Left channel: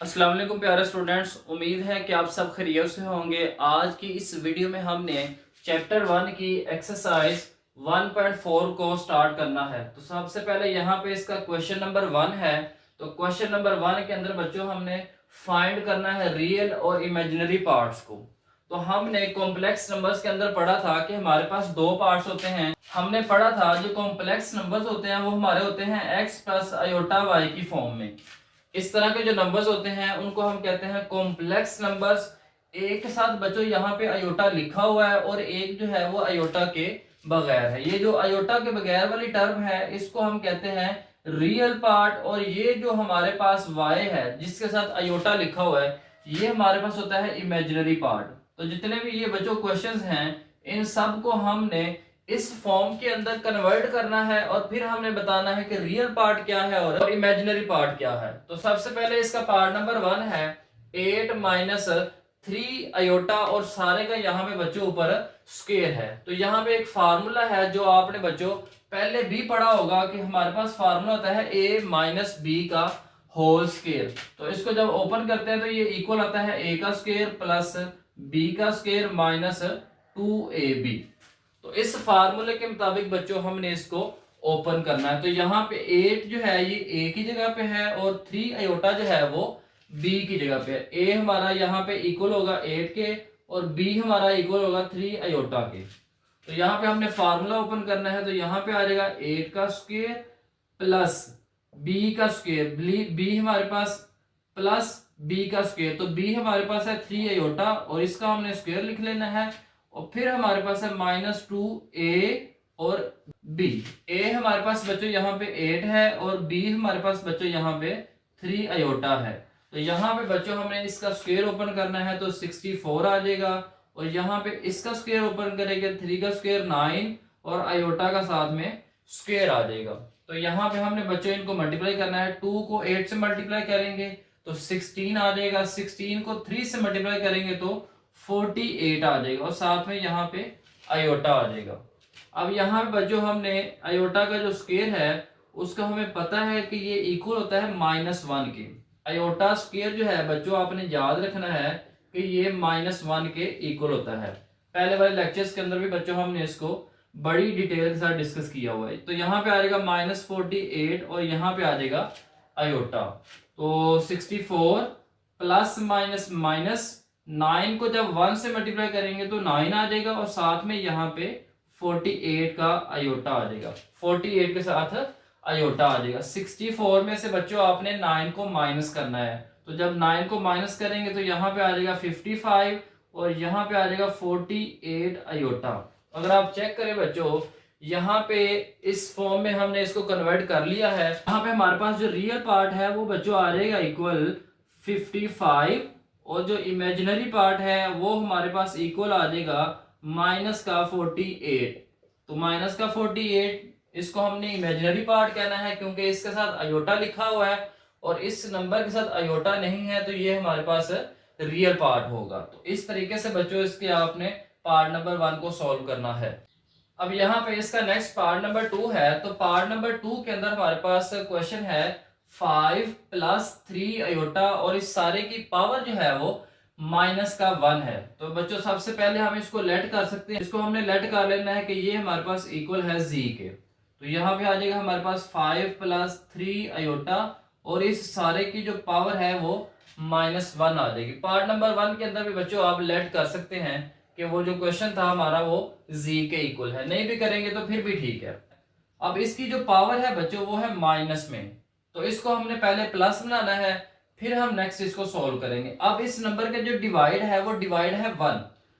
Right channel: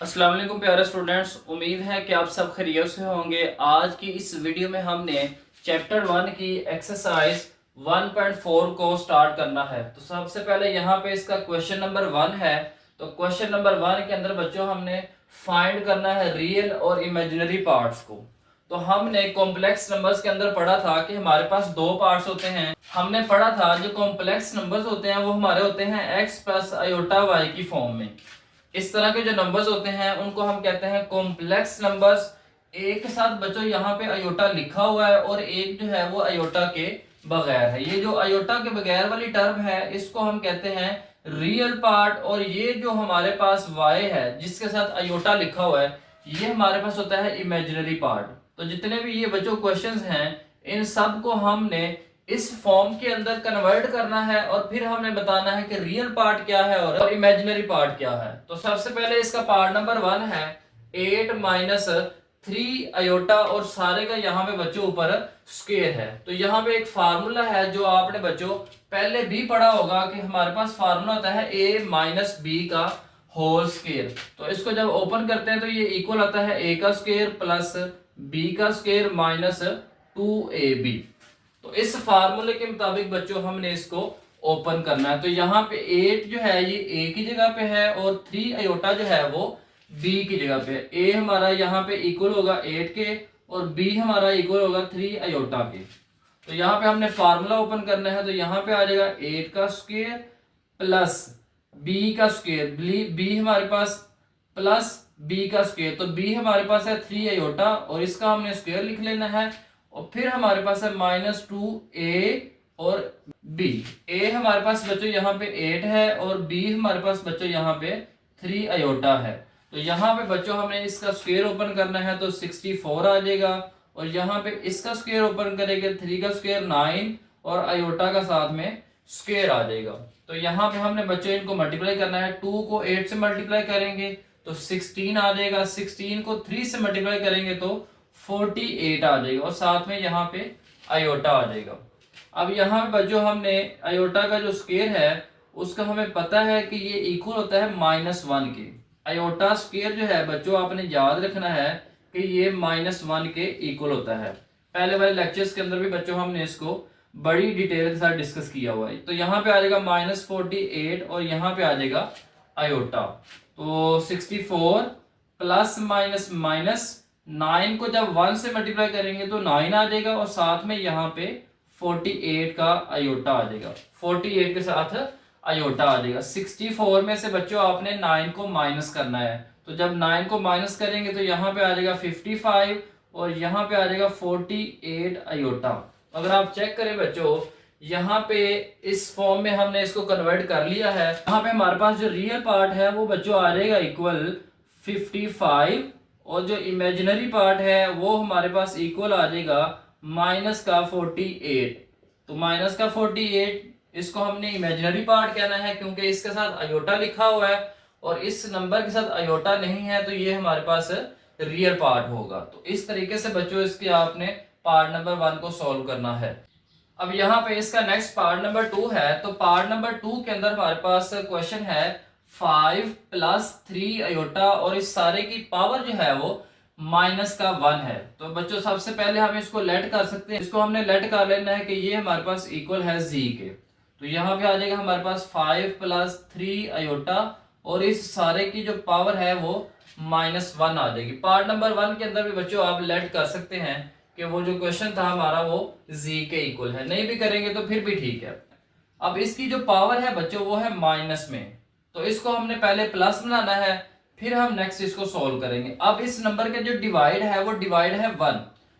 अस्सलाम वालेकुम प्यारे स्टूडेंट्स, उम्मीद है कि आप सब खैरियत से होंगे। आज की इस वीडियो में हमने चैप्टर 1 की एक्सरसाइज 1.4 को स्टार्ट करना है। तो सबसे पहले यहाँ पे इसका क्वेश्चन नंबर 1 है। तो क्वेश्चन नंबर 1 के अंदर बच्चों हमने फाइंड करना है रियल और इमेजिनरी पार्ट्स को। तो हमने कॉम्प्लेक्स नंबर्स के अंदर पढ़ा था कि हमारे पास दो पार्ट्स होते हैं। हमने पढ़ा था जो कॉम्प्लेक्स नंबर्स होते हैं वो हमारे होते हैं x प्लस आयोटा y की फॉर्म में। इस तरह के जो नंबर्स होते हैं उनको हम कहते हैं कॉम्प्लेक्स नंबर्स। एक के साथ बच्चों यहाँ पे अयोटा लिखा हुआ है और एक जो है वो अयोटा के बगैर है। ये जो अयोटा के बगैर वाली टर्म है इसको हम कहते हैं रियल पार्ट, और ये जो हमारे पास y है जिसके साथ अयोटा लिखा हुआ है ये हमारे पास होता है इमेजिनरी पार्ट। तो जितने भी ये बच्चों क्वेश्चंस हैं इन सब को हमने इस फॉर्म के अंदर कन्वर्ट करना है और फिर हमने बताना है कि रियल पार्ट क्या है और इमेजिनरी पार्ट क्या है। तो सबसे पहले इसका पार्ट नंबर 1 है 8 माइनस 3 अयोटा, और सारे का यहाँ पे बच्चों ऊपर स्क्वायर है। तो यहाँ पे एक फार्मूला है जो आपने बच्चों पहले भी पढ़ा होगा कि हमारे पास फार्मूला होता है a माइनस बी का होल स्क्वायर। तो इसको जब ओपन करते हैं तो ये इक्वल आता है a का स्क्वायर प्लस b का स्क्वायर माइनस 2ab। तो इस फार्मूले के मुताबिक बच्चों हमने इसको ओपन करना है। तो यहाँ पे 8 जो है ये a की जगह पे है और 3 अयोटा जो है वो b की जगह पे है। a हमारा यहाँ पे इक्वल होगा 8 के और b हमारा इक्वल होगा 3 अयोटा के। तो यहाँ पे हमने फार्मूला ओपन करना है। तो यहाँ पे आ जाएगा 8 का स्क्वायर प्लस b का स्क्वायर, b हमारे पास प्लस b का स्क्वायर। तो b हमारे पास है 3 अयोटा और इसका हमने स्क्वायर लिख लेना है। और फिर हमारे पास है माइनस 2a और b। a हमारे पास बच्चों यहाँ पे 8 है और b हमारे पास बच्चों यहाँ पे 3 अयोटा है। तो यहाँ पे बच्चों हमें इसका स्क्वायर ओपन करना है तो 64 आ जाएगा, और यहाँ पे इसका स्क्वायर ओपन करेंगे 3 का स्क्वायर 9 और अयोटा का साथ में स्क्वायर आ जाएगा। तो यहाँ पे हमने बच्चों इनको मल्टीप्लाई करना है। 2 को 8 से मल्टीप्लाई करेंगे तो 16 आ जाएगा, 16 को 3 से मल्टीप्लाई करेंगे तो 48 आ जाएगा, और साथ में यहाँ पे अयोटा आ जाएगा। अब यहाँ पे बच्चों हमने अयोटा का जो स्क्वायर है उसका हमें पता है कि ये इक्वल होता है -1 के। अयोटा स्क्वायर जो है बच्चों आपने याद रखना है कि ये -1 के इक्वल होता है। पहले वाले लेक्चर्स के अंदर भी बच्चों हमने इसको बड़ी डिटेल के साथ डिस्कस किया हुआ है। तो यहाँ पे आ जाएगा -48 और यहाँ पे आ जाएगा अयोटा। तो 64 प्लस माइनस माइनस 9 को जब 1 से मल्टीप्लाई करेंगे तो 9 आ जाएगा, और साथ में यहाँ पे 48 का अयोटा आ जाएगा। 48 के साथ अयोटा आ जाएगा। 64 में से बच्चों आपने 9 को माइनस करना है। तो जब 9 को माइनस करेंगे तो यहाँ पे आ जाएगा 55 और यहाँ पे आ जाएगा 48 अयोटा। अगर आप चेक करें बच्चों यहाँ पे इस फॉर्म में हमने इसको कन्वर्ट कर लिया है। यहाँ पे हमारे पास जो रियल पार्ट है वो बच्चों आ जाएगा इक्वल 55, और जो इमेजिनरी पार्ट है वो हमारे पास इक्वल आ जाएगा माइनस का 48। तो माइनस का 48 इसको हमने इमेजिनरी पार्ट कहना है क्योंकि इसके साथ अयोटा लिखा हुआ है, और इस नंबर के साथ अयोटा नहीं है तो ये हमारे पास रियल पार्ट होगा। तो इस तरीके से बच्चों इसके आपने पार्ट नंबर 1 को सॉल्व करना है। अब यहाँ पे इसका नेक्स्ट पार्ट नंबर 2 है। तो पार्ट नंबर 2 के अंदर हमारे पास क्वेश्चन है 5 प्लस 3 अयोटा, और इस सारे की पावर जो है वो -1 है। तो बच्चों सबसे पहले हम इसको लेट कर सकते हैं। इसको हमने लेट कर लेना है कि ये हमारे पास इक्वल है z के। तो यहाँ पे आ जाएगा हमारे पास 5 प्लस 3 अयोटा, और इस सारे की जो पावर है वो -1 आ जाएगी। पार्ट नंबर 1 के अंदर भी बच्चों आप लेट कर सकते हैं कि वो जो क्वेश्चन था हमारा वो z के इक्वल है। नहीं भी करेंगे तो फिर भी ठीक है। अब इसकी जो पावर है बच्चों वो है माइनस में, तो इसको हमने पहले प्लस बनाना है, फिर हम नेक्स्ट इसको सॉल्व करेंगे। अब इस नंबर का जो डिवाइड है वो डिवाइड है 1,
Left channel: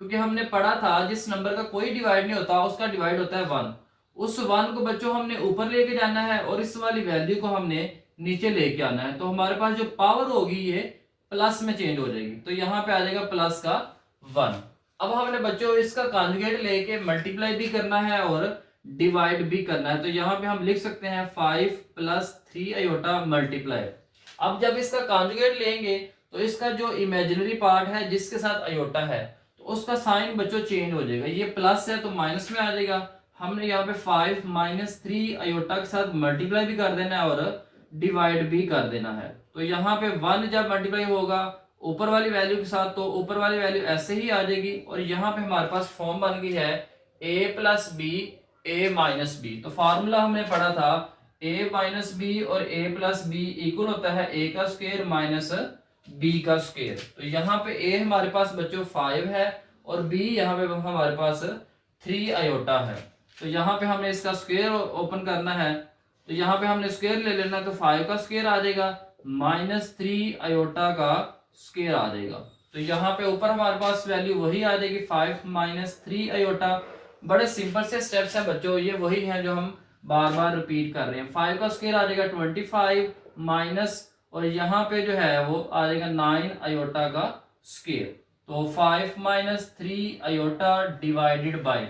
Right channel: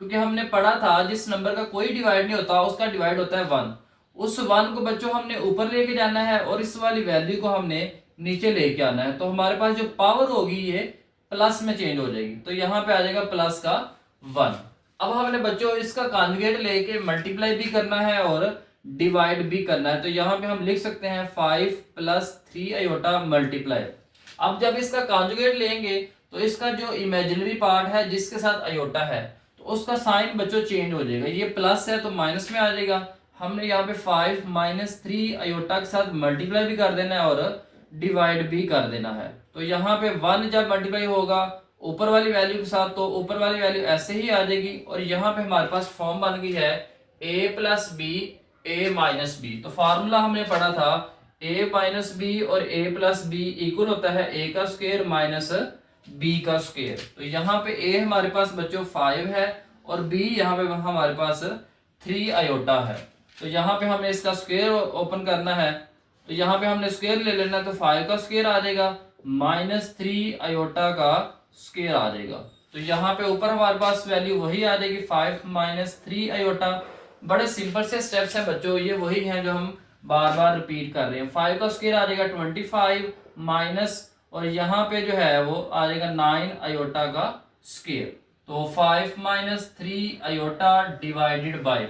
क्योंकि हमने पढ़ा था जिस नंबर का कोई डिवाइड नहीं होता उसका डिवाइड होता है 1। उस 1 को बच्चों हमने ऊपर लेके जाना है और इस वाली वैल्यू को हमने नीचे लेके आना है। तो हमारे पास जो पावर होगी ये प्लस में चेंज हो जाएगी। तो यहाँ पे आ जाएगा प्लस का 1। अब हमने बच्चों इसका कॉन्जुगेट लेके मल्टीप्लाई भी करना है और डिवाइड भी करना है। तो यहाँ पे हम लिख सकते हैं 5 प्लस 3 अयोटा मल्टीप्लाई। अब जब इसका कॉन्जुगेट लेंगे तो इसका जो इमेजिनरी पार्ट है जिसके साथ अयोटा है तो उसका साइन बच्चों चेंज हो जाएगा। ये प्लस है तो माइनस में आ जाएगा। हमने यहाँ पे 5 - 3 अयोटा के साथ मल्टीप्लाई भी कर देना है और डिवाइड भी कर देना है। तो यहाँ पे 1 जब मल्टीप्लाई होगा ऊपर वाली वैल्यू के साथ तो ऊपर वाली वैल्यू ऐसे ही आ जाएगी, और यहाँ पे हमारे पास फॉर्म बन गई है a plus B A minus B. तो फार्मूला हमने पढ़ा था a माइनस बी और a प्लस बी इक्वल होता है a का स्क्वायर माइनस b का स्क्वायर। तो यहाँ पे a हमारे पास बच्चों 5 है और b यहाँ पे हमारे पास 3 आयोटा है। तो यहाँ पे हमें इसका स्क्वायर ओपन करना है, तो यहाँ पे हमने स्क्वायर ले लेना, तो 5 का स्क्वायर आ जाएगा माइनस 3 आयोटा का स्क्वायर आ जाएगा। तो यहाँ पे ऊपर हमारे पास वैल्यू वही आ जाएगी 5 माइनस 3 आयोटा। बड़े सिंपल से स्टेप्स हैं बच्चों, ये वही हैं जो हम बार बार रिपीट कर रहे हैं। 5 का स्क्वायर आ जाएगा 25 माइनस, और यहाँ पे जो है वो आ जाएगा 9 आयोटा का स्क्वायर। तो 5 माइनस 3 आयोटा डिवाइडेड बाय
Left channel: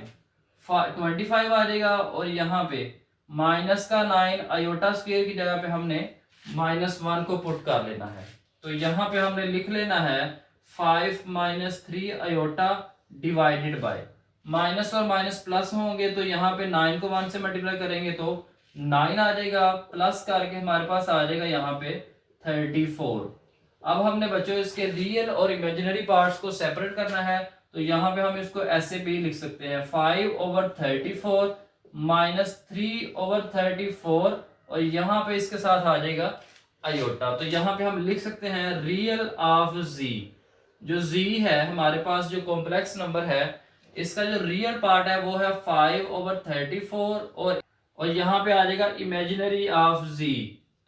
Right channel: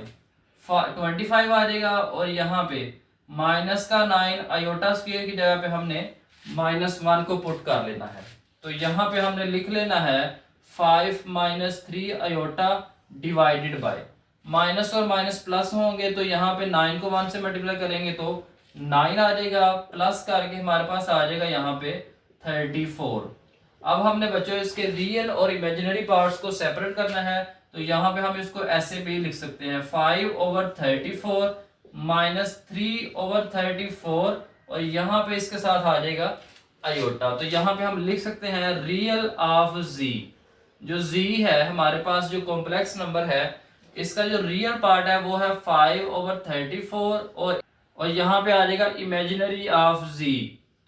25 आ जाएगा, और यहाँ पे माइनस का 9 आयोटा स्क्वायर की जगह पे हमने -1 को पुट कर लेना है। तो यहाँ पे हमने लिख लेना है 5 minus 3 iota divided by, minus और माइनस प्लस होंगे तो यहाँ पे 9 को 1 से मल्टीप्लाई करेंगे तो 9 आ जाएगा, प्लस करके हमारे पास आ जाएगा यहाँ पे 34। अब हमने बच्चों इसके रियल और इमेजिनरी पार्ट्स को सेपरेट करना है, तो यहाँ पे हम इसको ऐसे भी लिख सकते हैं 5/34 माइनस 3/34, और यहाँ पे इसके साथ आ जाएगा आयोटा। तो यहाँ पे हम लिख सकते हैं रियल ऑफ z। जो z है हमारे पास जो कॉम्प्लेक्स नंबर है, इसका जो रियल पार्ट है वो है 5/34, और यहाँ पे आ जाएगा इमेजिनरी ऑफ z।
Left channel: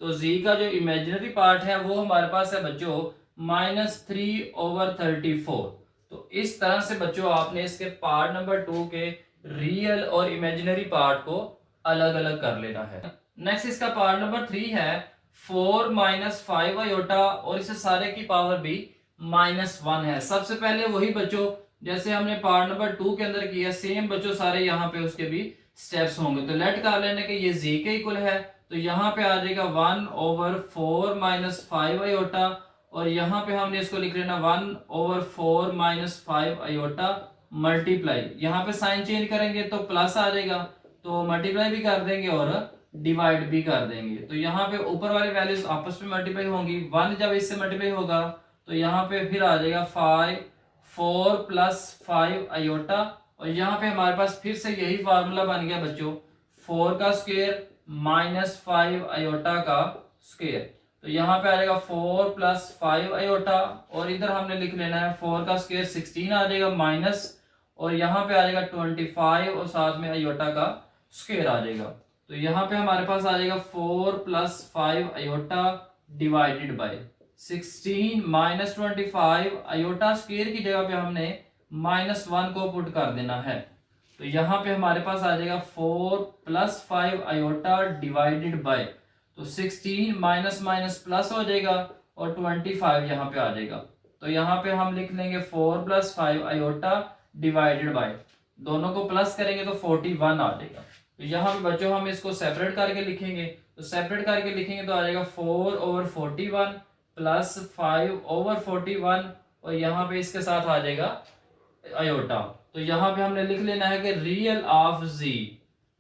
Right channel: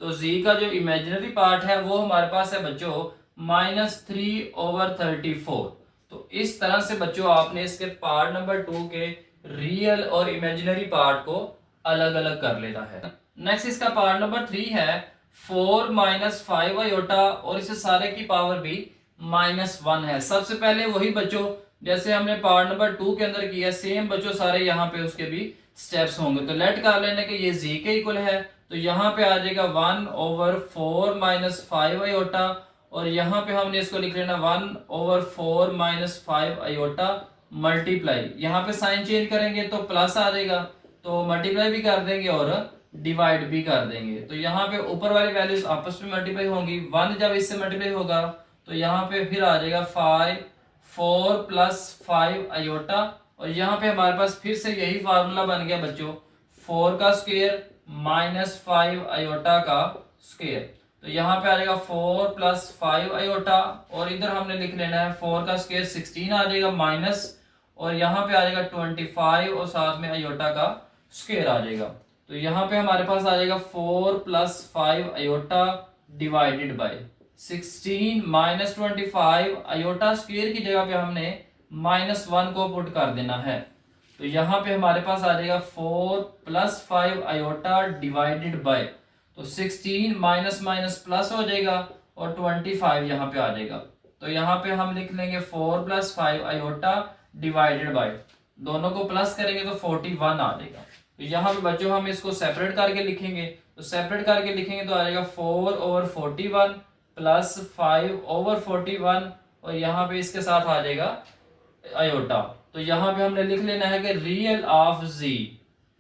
तो z का जो इमेजिनरी पार्ट है वो हमारे पास है बच्चों -3/34। तो इस तरह से बच्चों आपने इसके पार्ट नंबर 2 के रियल और इमेजिनरी पार्ट को अलग अलग कर लेना है। नेक्स्ट इसका पार्ट नंबर 3 है 4 माइनस 5 आयोटा, और इसे सारे की पावर भी -1 है। सबसे पहले वही बच्चों जैसे हमने पार्ट नंबर 2 के अंदर किया, सेम बच्चों सारे यहाँ पे उसके भी स्टेप्स होंगे। तो लेट कर लेने के ये z के इक्वल है, तो यहाँ पे आ जाएगा 1/4 माइनस 5 आयोटा, और यहाँ पे हमने इसको लिख लेना 1/4 माइनस 5 आयोटा मल्टीप्लाई, यहाँ पे साइन चेंज करेंगे तो प्लस आ जाएगा, तो मल्टीप्लाई भी कर देंगे और डिवाइड भी कर देंगे। तो यहाँ पे ऊपर वाली वैल्यूज आपस में मल्टीप्लाई होंगी, 1 जब इससे मल्टीप्लाई होगा तो यहाँ पे फिर आ जाएगा 4 + 5 आयोटा, और यहाँ पे हमारे पास फिर से यही फार्मूला बन गया बच्चों 4 का स्क्वायर माइनस 5 आयोटा का स्क्वायर। तो यहाँ पे आ जाएगा 4 + 5 आयोटा, और इधर हमने लिख लेना है 4 का स्क्वायर 16 आ जाएगा माइनस, और यहाँ पे आ जाएगा 25 और साथ में आयोटा का स्क्वायर आ जाएगा। तो यहाँ पे हमारे पास आ जाएगा 4 + 5 iota divided by 16 minus 25 iota square की जगह पे हमने -1 को पुट कर देना है। तो यहाँ पे हमारे पास आ जाएगा 4 + 5 आयोटा डिवाइडेड बाय, तो 16 माइनस माइनस प्लस हो जाएगा और 25 यहाँ पे आ जाएगा। तो यहाँ पे हम लिख लेंगे 4 + 5 आयोटा डिवाइडेड बाय, दोनों को प्लस करेंगे तो 41 आ जाएगा। तो यहाँ पे बच्चों हम इसको सेपरेट करके लिखेंगे, तो सेपरेट करके लिखेंगे तो आ जाएगा 4/41 + 5/41, और यहाँ पे इसके साथ आ जाएगा आयोटा। तो यहाँ पे हमने लिख लेना है कि रियल ऑफ z,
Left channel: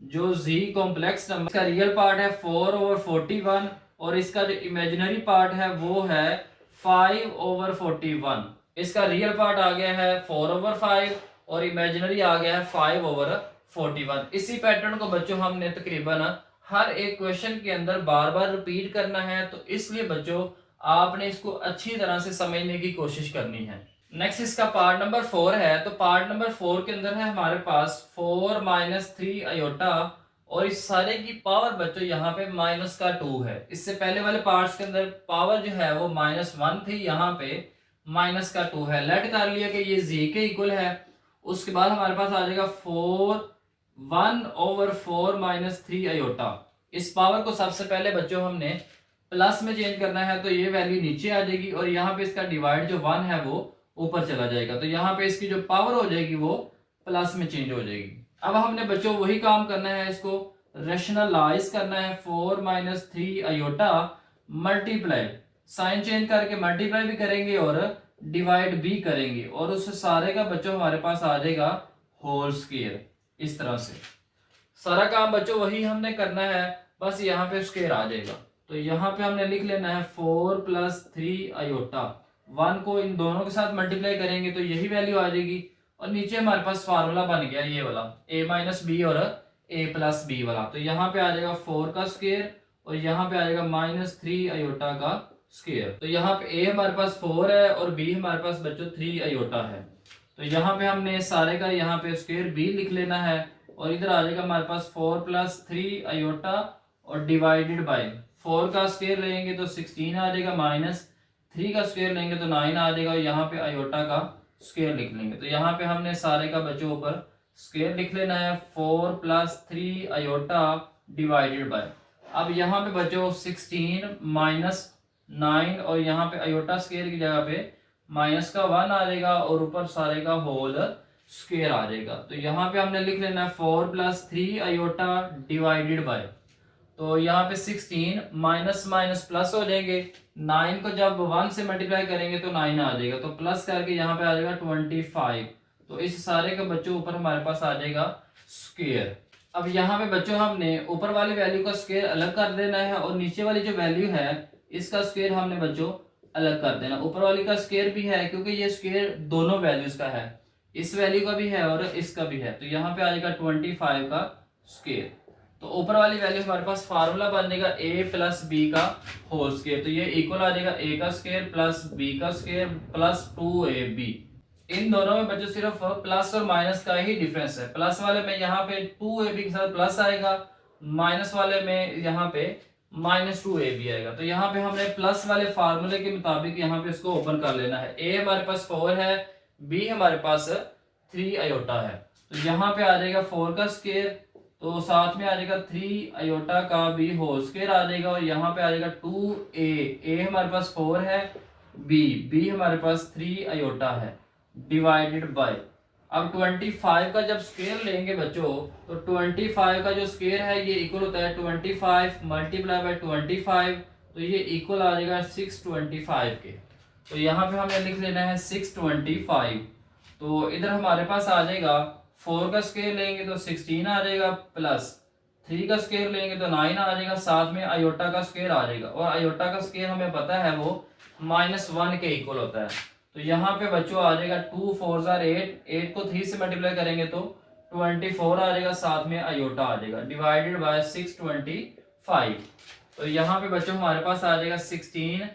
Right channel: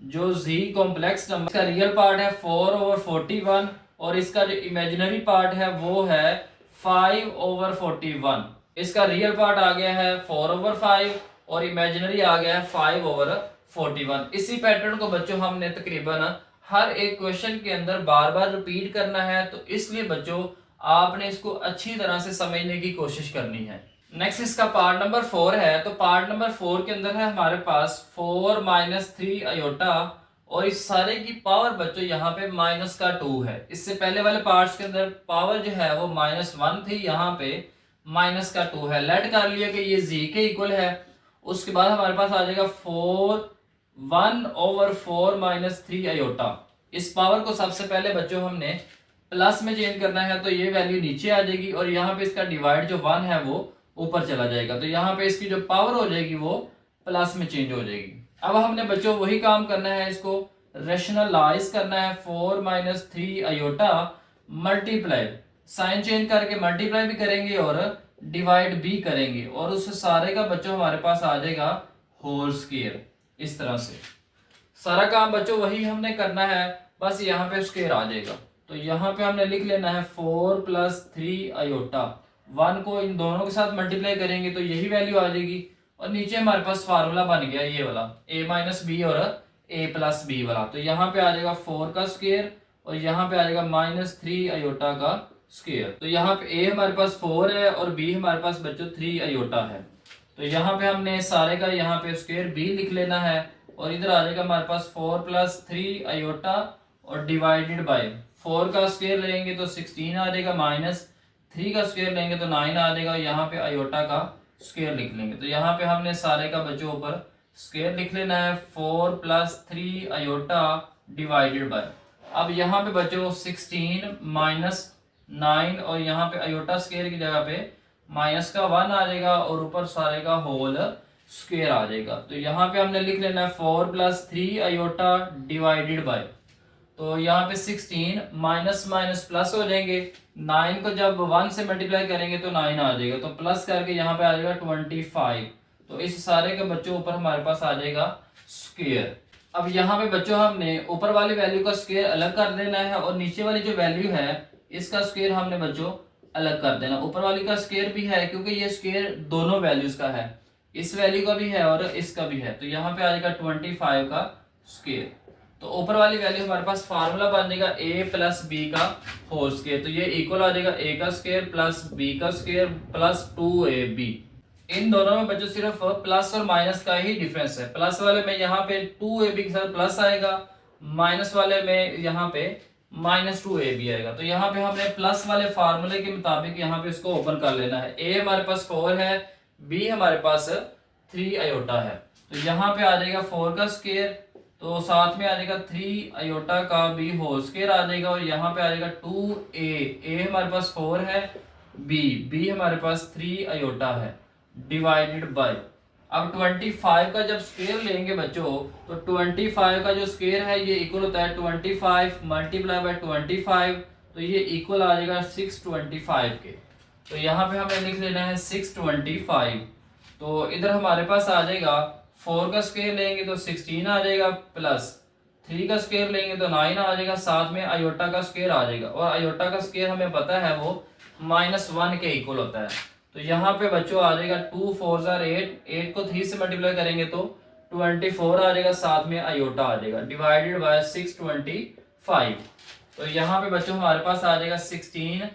जो z कॉम्प्लेक्स नंबर का रियल पार्ट है 4/41, और इसका जो इमेजिनरी पार्ट है वो है 5/41। इसका रियल पार्ट आ गया है 4/5 और इमेजिनरी आ गया है 5/41। इसी पैटर्न को बच्चों हमने तकरीबन हर एक क्वेश्चन के अंदर बार बार रिपीट करना है, तो इसलिए बच्चों आपने इसको अच्छी तरह से समझने की कोशिश करनी है। नेक्स्ट इसका पार्ट नंबर 4 है, तो पार्ट नंबर 4 के अंदर है हमारे पास 4 - 3 आयोटा, और इस सारे की पावर बच्चों यहाँ पे -2 है। इससे पहले वाले पार्ट्स के अंदर पावर जो है वो -1 थी, यहाँ पे -2 है। लेट कर लिया कि ये z के इक्वल है। उसके बाद हमारे पास आ जाएगा 1/4 - 3 आयोटा। इस पावर को सबसे पहले बच्चों हमने प्लस में चेंज करना है, तो ये वैल्यू नीचे आ जाएगी, और यहाँ पे इसका डिवाइड जो 1 है वो ऊपर चला जाएगा। तो यहाँ पे इसकी जो पावर हो जाएगी वो प्लस में चेंज हो जाएगी। अब हमने बच्चों वही काम करना है, इसको रेशनलाइज करना है। 4 - 3 आयोटा मल्टीप्लाई, साइन चेंज करके मल्टीप्लाई भी करेंगे और डिवाइड भी करेंगे, और उस सारे का बच्चों हमारे पास आ जाएगा होल स्क्वायर। इस तरह से सारा काम बच्चों वही हमने करना है, बस यहाँ पे स्क्वायर आ जाएगा। तो तो यहाँ पे हमने लिख लेना है 4 प्लस 3 आयोटा। 1 को इन दोनों के साथ मल्टीप्लाई करेंगे तो यही वैल्यू आ जाएगी। और नीचे हमारे पास फार्मूला बन गया ये वाला, a माइनस बी और a प्लस बी वाला। तो यहाँ पे आ जाएगा 4 का स्क्वायर और यहाँ पे आ जाएगा माइनस 3 आयोटा का स्क्वायर। तो यहाँ पे a हमारे पास 4 है और b हमारे पास बच्चों 3 आयोटा है। तो यहाँ पे हमने सारे का यहाँ पे स्क्वायर b लिख लेना है और इधर आ जाएगा हमारे पास 4 प्लस 3 आयोटा और डिवाइडेड बाय 4 का स्क्वायर लेंगे तो 16 आ जाएगा, माइनस 3 का स्क्वायर लेंगे तो 9 आ जाएगा। यहाँ पे आयोटा का स्क्वायर लिख लेंगे। तो यहाँ पे हमने सारे का बच्चों ऊपर स्क्वायर लिख लेना है 4 प्लस 3 आयोटा डिवाइडेड बाय। अब यहाँ पे बच्चों 16 माइनस 9 और यहाँ पे आयोटा स्क्वायर की जगह पे माइनस का 1 आ जाएगा और ऊपर सारे का होल स्क्वायर आ जाएगा। तो यहाँ पे हमने लिख लेना है 4 प्लस 3 आयोटा डिवाइडेड बाय। तो यहाँ पे 16 माइनस माइनस प्लस हो जाएंगे, 9 को जब 1 से मल्टीप्लाई करेंगे तो 9 आ जाएगा, तो प्लस करके यहाँ पे आ जाएगा 25। तो इस सारे के बच्चों ऊपर हमारे पास आ जाएगा स्क्वायर। अब यहाँ पे बच्चों हमने ऊपर वाली वैल्यू का स्क्वायर अलग कर देना है और नीचे वाली जो वैल्यू है इसका स्क्वायर हमने बच्चों अलग कर देना। ऊपर वाली का स्क्वायर भी है क्योंकि ये स्क्वायर दोनों वैल्यूज का है, इस वैल्यू का भी है और इसका भी है। तो यहाँ पे आ जाएगा 25 का स्क्वायर। तो ऊपर वाली वैल्यू हमारे पास फार्मूला बन जाएगा a प्लस बी का होल स्क्वायर। तो ये इक्वल आ जाएगा a का स्क्वायर प्लस b का स्क्वायर प्लस 2ab। इन दोनों में बच्चों सिर्फ प्लस और माइनस का ही डिफरेंस है। प्लस वाले में यहाँ पे 2ab के साथ प्लस आएगा, माइनस वाले में यहाँ पे माइनस 2ab आएगा। तो यहाँ पे हमने प्लस वाले फार्मूले के मुताबिक यहाँ पे इसको ओपन कर लेना है। a हमारे पास 4 है, b हमारे पास 3 आयोटा है। तो यहाँ पे आ जाएगा 4 का स्क्वायर, तो साथ में आ जाएगा 3 आयोटा का भी होल स्क्वायर आ जाएगा और यहाँ पे आ जाएगा 2a हमारे पास 4 है, b हमारे पास 3 आयोटा है डिवाइडेड बाय। अब 25 का जब स्क्वायर लेंगे बच्चों तो 25 का जो स्क्वायर है ये इक्वल होता है 25 मल्टीप्लाई बाय 25। तो ये इक्वल आ जाएगा 625 के। तो यहाँ पे हमें लिख लेना है 625। तो इधर हमारे पास आ जाएगा 4 का स्क्वायर लेंगे तो 16 आ जाएगा, प्लस 3 का स्क्वायर लेंगे तो 9 आ जाएगा, साथ में आयोटा का स्क्वायर आ जाएगा और आयोटा का स्क्वायर हमें पता है वो -1 के इक्वल होता है। तो यहाँ पे बच्चों आ जाएगा 2 4 8, 8 को 3 से मल्टीप्लाई करेंगे तो 24 आ जाएगा, साथ में आयोटा आ जाएगा डिवाइडेड बाय 625। तो यहाँ पे बच्चों हमारे पास आ जाएगा 16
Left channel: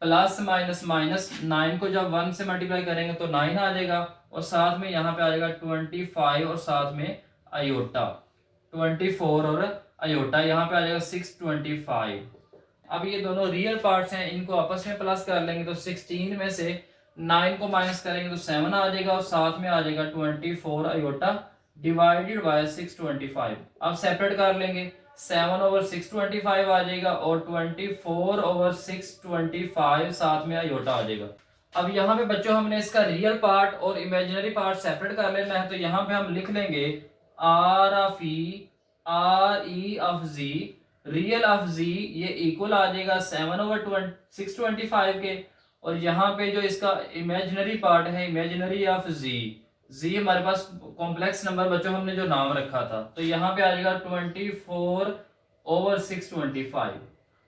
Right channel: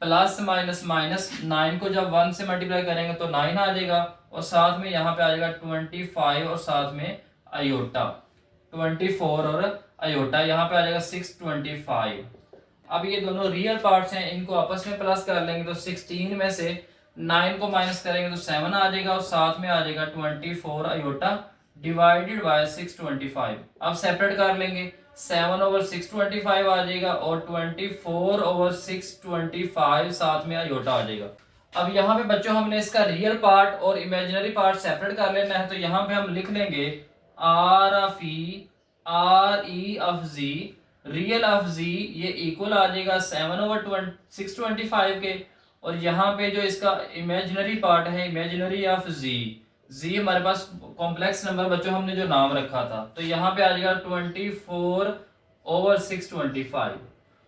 प्लस माइनस माइनस 9 को जब 1 से मल्टीप्लाई करेंगे तो 9 आ जाएगा और साथ में यहाँ पे आ जाएगा 25 और साथ में आयोटा 24 और आयोटा यहाँ पे आ जाएगा 625। अब ये दोनों रियल पार्ट्स हैं, इनको आपस में प्लस कर लेंगे तो 16 में से 9 को माइनस करेंगे तो 7 आ जाएगा और साथ में आ जाएगा 24 आयोटा डिवाइडेड बाय 625। अब सेपरेट कर लेंगे, 7 ओवर 625 आ जाएगा और 24 ओवर 625 साथ में आयोटा आ जाएगा। अब यहाँ पे बच्चों हमने इसका रियल पार्ट और इमेजिनरी पार्ट सेपरेट कर लेना है। तो यहाँ पे हम लिख लेंगे R of E R E of G, real of G ये इक्वल आ जाएगा 7 ओवर 625 के। और यहाँ पे जो इसका इमेजिनरी पार्ट है इमेजिनरी ऑफ जी हमारे पास कॉम्प्लेक्स नंबर बच्चों हमने जो नाम रखा था, तो यहाँ पे आ जाएगा 24 ओवर 625।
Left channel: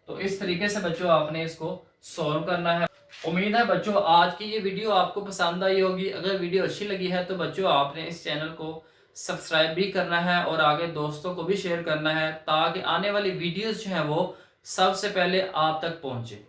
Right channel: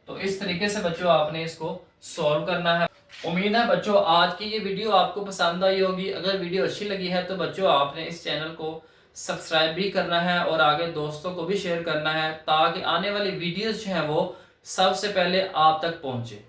तो इस तरीके से बच्चों आपने इसको सॉल्व करना है। उम्मीद है बच्चों आज की ये वीडियो आपको पसंद आई होगी। अगर वीडियो अच्छी लगी है तो बच्चों आपने इस चैनल को सब्सक्राइब भी करना है और आगे दोस्तों को भी शेयर करना है ताकि आने वाली वीडियोस जो है वो सबसे पहले आप तक पहुंचे।